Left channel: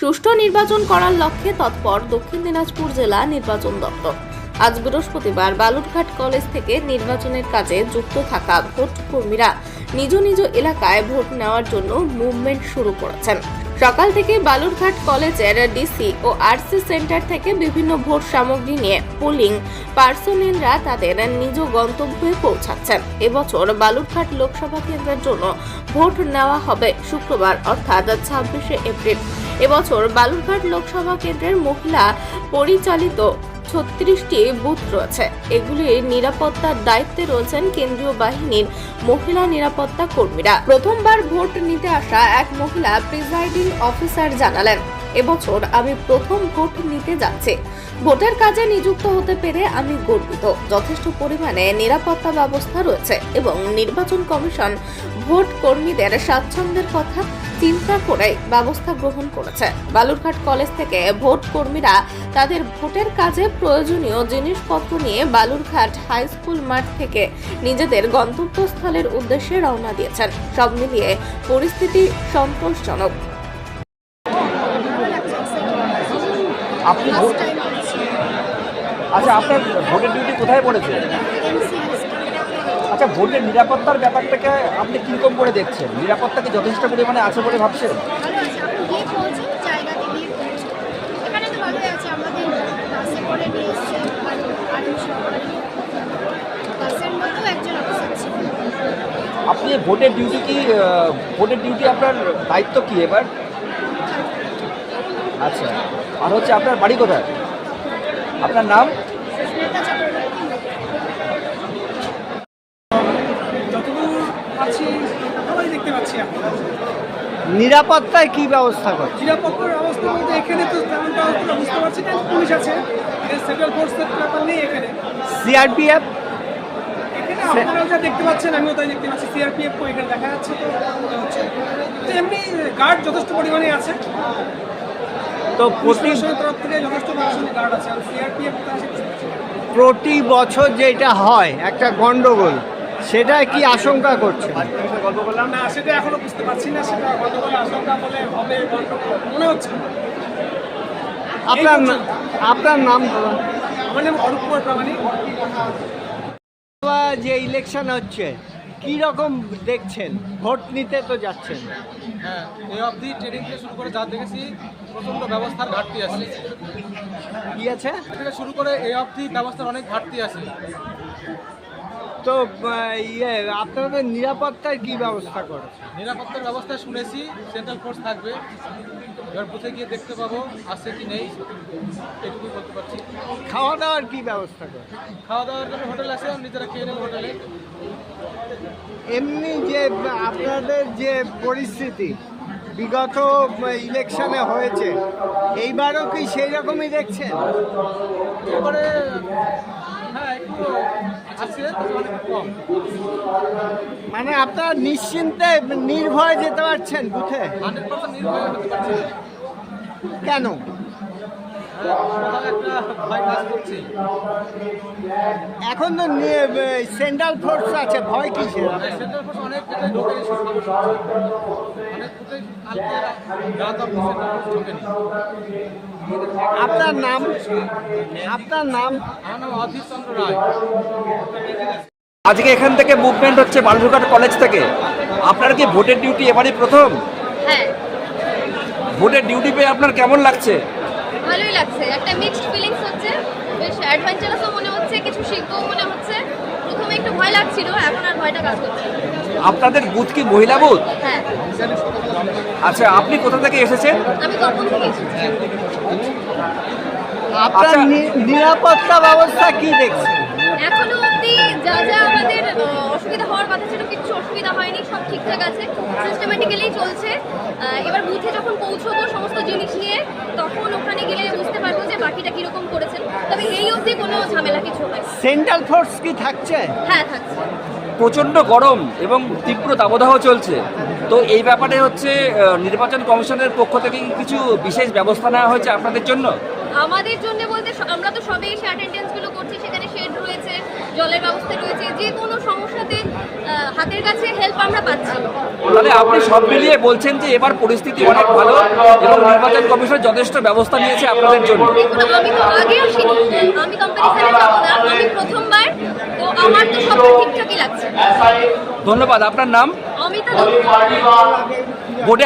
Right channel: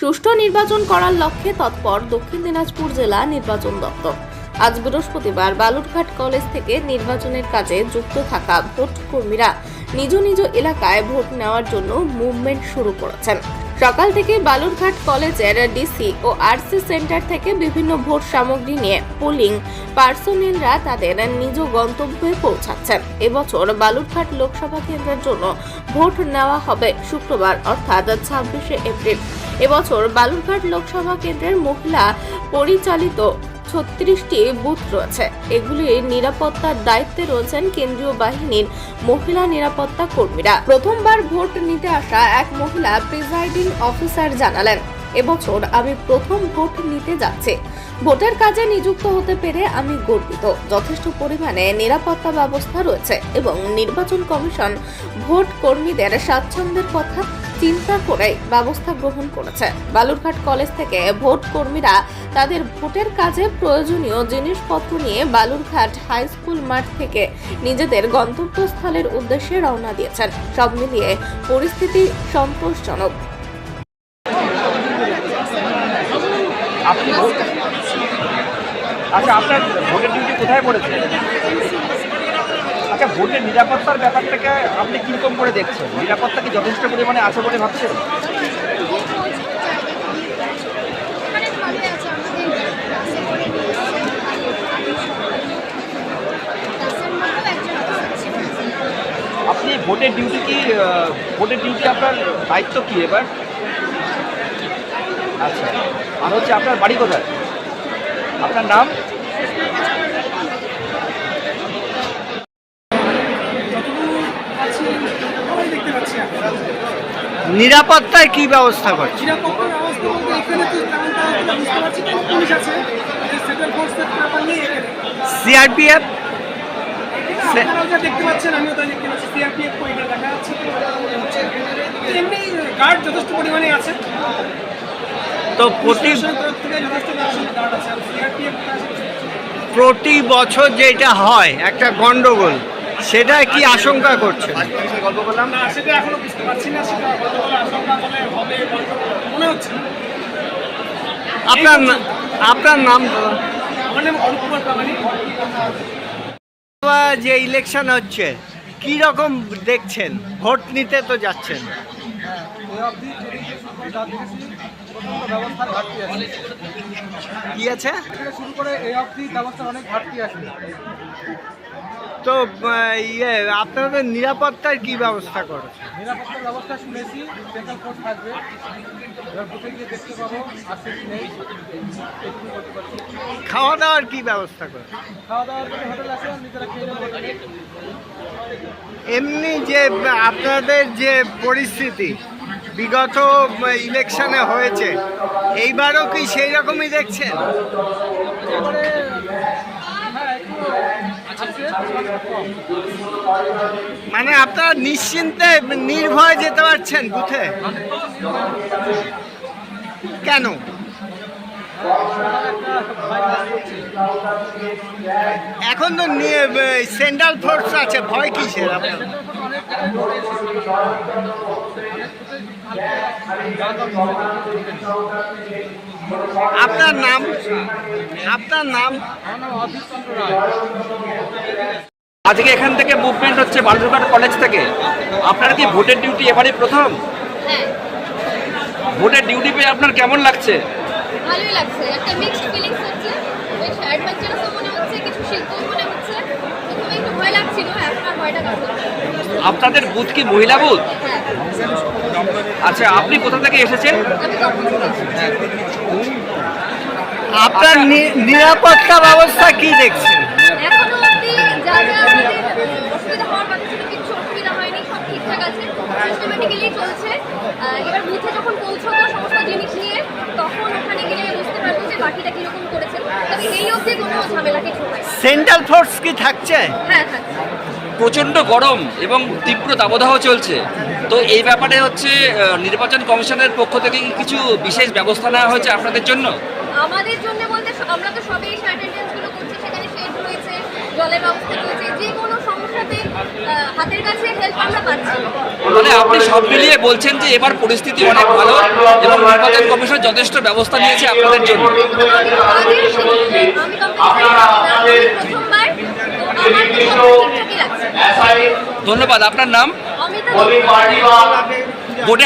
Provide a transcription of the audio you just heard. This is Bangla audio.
সুষ্ঠু নির্বাচন করার লক্ষ্যে তৎপর দক্ষিণ দিনাজপুর জেলা নির্বাচন দপ্তর। আজ বৃহস্পতিবার বালুরঘাট কলেজ থেকে নির্বাচনের কাজে যুক্ত থাকা ভোট কর্মীরা নিজ নিজ এলাকায় ভোট নেওয়ার জন্য মুভমেন্ট শুরু করেছেন। সকাল থেকে বালুরঘাট কলেজের ডিসি ও আরসি সেন্টার থেকে বিভিন্ন ভোট সামগ্রী নিয়ে পোলিং। পার্সোনেলরা তাদের নিজ গন্তব্যে পৌঁছাচ্ছেন। এবছর বালুরঘাট লোকসভা কেন্দ্রের জন্য ভোট নেওয়া হবে শুক্রবার, অর্থাৎ ছাব্বিশে এপ্রিল। এবছর বালুরঘাট লোকসভা কেন্দ্রের মহিলা পরিচালিত ছত্রিশটি বুথ রয়েছে। এগুলির নিরাপত্তার দায়িত্বে রয়েছেন কেন্দ্রীয় বাহিনীর মহিলা নিরাপত্তা কর্মীরা। প্রথমবার ভোট নিতে আসা এক মহিলা প্রিজাইডিং অফিসার জানালেন, এবছর আমি প্রথম ভোট নিতে যাচ্ছি। ভোটের কাজে নিযুক্ত হতে পেরে আমি গর্বিত। যথেষ্ট পরিমাণে নিরাপত্তা ব্যবস্থা রয়েছে এবং নির্বাচন কমিশন ভোট কর্মীদের স্বাচ্ছন্দ্যের কথা চিন্তা করে ব্যবস্থা গ্রহণ করেছে। বালুরঘাট কলেজ থেকে ভোট কর্মীরা তাদের ভোটের কাজে প্রয়োজনীয় জিনিসপত্র নিয়ে বালুরঘাট হাই স্কুল মাঠ থেকে নিজেদের গন্তব্যস্থলের উদ্দেশ্যে রওনা দিয়েছেন। সব মিলিয়ে পরিস্থিতি সন্তোষজনক। আপনি ভোট আচ্ছা আপনার ভোটের ডিউটি কোথায় পড়েছে? আচ্ছা ভোটের নিরাপত্তার ব্যাপারটাকে আপনি কীরকম করে দেখছেন? নিরাপত্তা কি যথেষ্ট পরিমাণে আছে বলে ভাবছেন? আপনি ভোটের ডিউটি কি ভোটের ডিউটি আপনার দায়িত্ব কি এবার? আচ্ছা আর হচ্ছে আপনার বাড়ি কোথায়? আপনার নাম যতদূর আছি সবাই দেখতে পাচ্ছি আমরা নিরাপত্তায় কি ব্যবস্থা করছে? নিরাপত্তার অবস্থা বলতে এখানে তো তেমনটা বুঝতে পারছি পুলিশ আছে। সেন্ট্রাল ফোর্সের ব্যাপার নেই এখানে। সিআরপিএফ? এখানে আপনারাও যা দেখতে পাচ্ছেন আমিও তাই দেখতে পাচ্ছি। সিআরপিএফ এখানে দেখা যাচ্ছে তো মনে এমনি গার্ড যথেষ্ট পরিমাণে আছে। তো প্রতি তরফ থেকে যথেষ্ট পরিমাণে গার্ড আছে। আর সিআরপিএফ প্রতি বছর যেটা হয় একটা গন্ডগোল। সেটা কি আশঙ্কা করছে গল্প করলাম না সেটা এখনও বুঝতে পারছি না সেটা গন্ডগোল আশঙ্কা বলে হবে মনে হচ্ছে আপনার আপনার নাম দাদা? আমার নাম অরূপ কুমার প্রামাণিক। যে ইলেকশন হচ্ছে কি রকম দেখছেন? ভোট নিতে তো যাচ্ছেন। হ্যাঁ এই অবধি ট্রেনিং থেকে শুরু করে যা দেখেছি প্রচণ্ড ব্যবস্থার ঘাটতি আছে। কি আছে? থেকে শুরু করে এই অবধি ব্যবস্থার অনেক ঘাটতি আছে। তো ইয়ে আপনাদের নিরাপত্তার কি ব্যবস্থা করেছে? নিরাপত্তার ব্যবস্থা শুনেছি সেন্ট্রাল ফোর্স থাকবে। এবার বুথে গিয়ে দেখতে পাবো আসছে কি নেই এটুকুই বলতে পারছি। খাওয়া দাওয়ার কি ব্যবস্থা করে খাওয়া দাওয়ার জন্য হোটেল আছে নিজেরা খেয়ে নেব হোটেলে। এমনি যে আপনাদের যে পরিস্থিতি বিগত ইলেকশনে হয়েছে এইবারও কি সেই রকমই দেখছেন? এবারে হ্যাঁ মানে আপনারা নিশ্চিন্তে নির্ভয়ে যেতে পারছেন বুথে? পারছি। কেন? করছে। এখন তো সেন্ট্রাল ফোর্স আছে ভয় কিসের আপনার আপনার নাম? আপনার নাম? আমার নাম অধীর চন্দ্র রায়। আজকে এখান থেকে মুভমেন্ট হচ্ছে বালুরঘাট কলেজ থেকে। আপনার কি ভোটের ডিউটি এবারই প্রথম? হ্যাঁ। ভোটের ডিউটি পেয়ে আপনার কেমন লাগছে? ভালোই লাগছে। একটা মিক্সড ফিলিংস হচ্ছে। বেশ অ্যাডভেঞ্চারাসও মনে হচ্ছে কিছু শিল্পও মনে হচ্ছে। ভয় লাগছিল এখন আর ভয়টা কাজ করছে আপনাদের বুথ কি মহিলা বুথ? হ্যাঁ আচ্ছা আপনি কোথা থেকে এসেছেন? আমি থেকে আপনার নি- নিরাপত্তা ব্যবস্থা কি দেখছেন? এখনও অবধি যা যা আমাদের অসুবিধা হওয়ার কথা ছিল কিছু অসুবিধা হয়নি সব ঠিকঠাক আছে। সিস্টেমেটিক্যালি চলছে। এবার বুথে যখন পৌঁছবো সমস্ত জিনিস নিয়ে তখন ওখানে গেলে বাকিটা কীরকম করেছেন তবে এই অবধি কোনো ঝামেলা কিছু সেন্ট্রাল ফোর্স কি থাকছে? হ্যাঁ থাকছে। প্রচণ্ড গরম এবং তীব্র দাবদাহ চলছে। তো এই ব্যাপারে হচ্ছে নির্বাচন কমিশনের পক্ষ থেকে কি কিছু বিশেষ ব্যবস্থা নেওয়া হয়েছে আপনাদের জন্য? আমাদের জন্য বলতে আমরা তো সবই করছি সেখানে শেড রয়েছে জলের ব্যবস্থা রয়েছে যে কোনো সমস্যা হাতের কাছে হেল্প আমরা পাচ্ছি। মানে আপনি সব মিলিয়ে বলছেন যে এবার পরিস্থিতি অনেক ভালো এবং নির্বাচন কমিশন যথেষ্ট ব্যবস্থা নিয়েছে আপনাদের জন্য। আমি তো আগেও শিখি আমি কোম্পানি আমি প্রথমবার আমার তো সব ঠিকঠাকই লাগছে। ধন্যবাদ। আপনার নাম? অমিতা ভোটে